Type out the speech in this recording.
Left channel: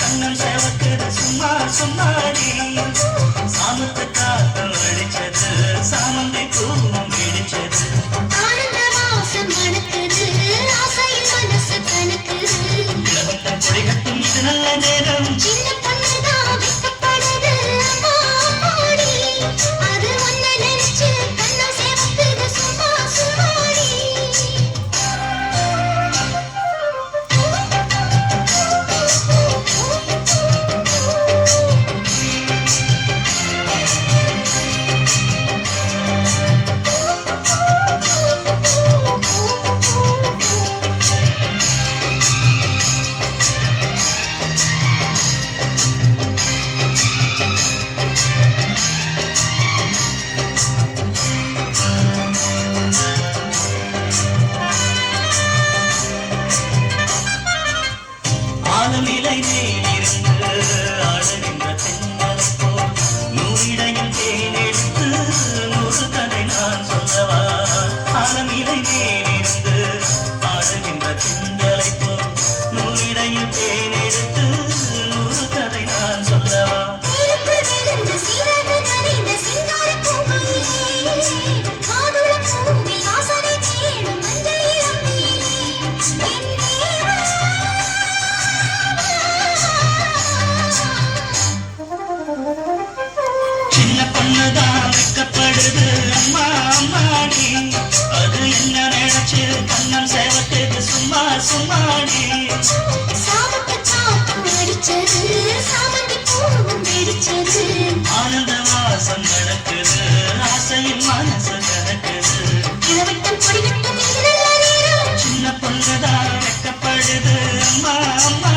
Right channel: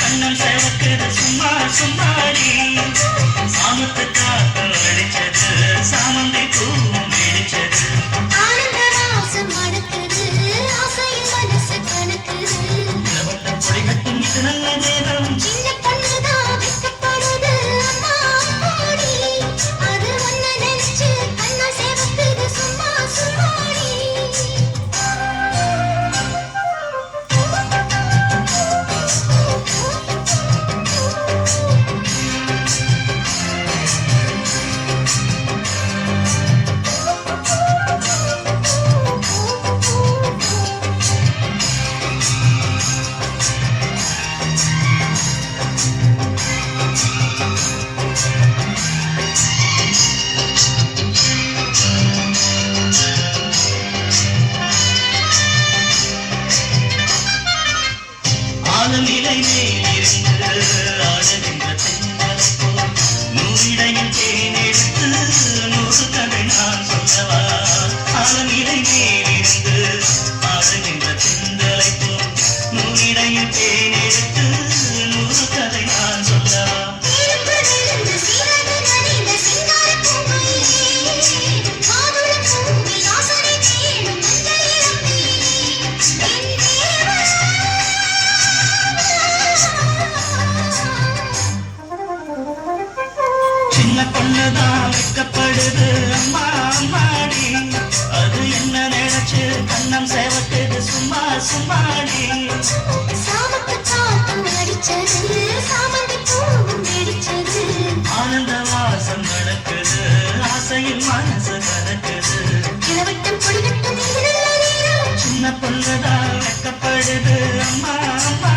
கண்ணம் சேவக்குது சும்மா சும்மாடி சாமத்து காத்து அடிச்சது சாமந்தி பூவும் பிடிச்சது பொய்கட்டும் இது நல்ல நேரம் ஆலமிலை மேலிருந்து அழகின்ற தென்னல் போல் நூறிடையில் தேனெடுத்து நூறு கதை நான் சொல்லவா ஆலமிலை மேலிருந்து அழகின்ற தென்னலை போல் நூறிடையில் தேனெடுத்து நூறு கதை நான் சொல்லவா சின்ன பொண்ணுதான் வைக்கப்படுது அம்மா அம்மாடி அது என்ன நினைச்சு கண்ணம் சேவக்குது சும்மா சும்மாடி ஆனந்த வாசம் நடக்குது ஆசையில் மனசு கலக்குது சின்ன பொண்ணுதான் வைக்கப்படுது அம்மா அம்மா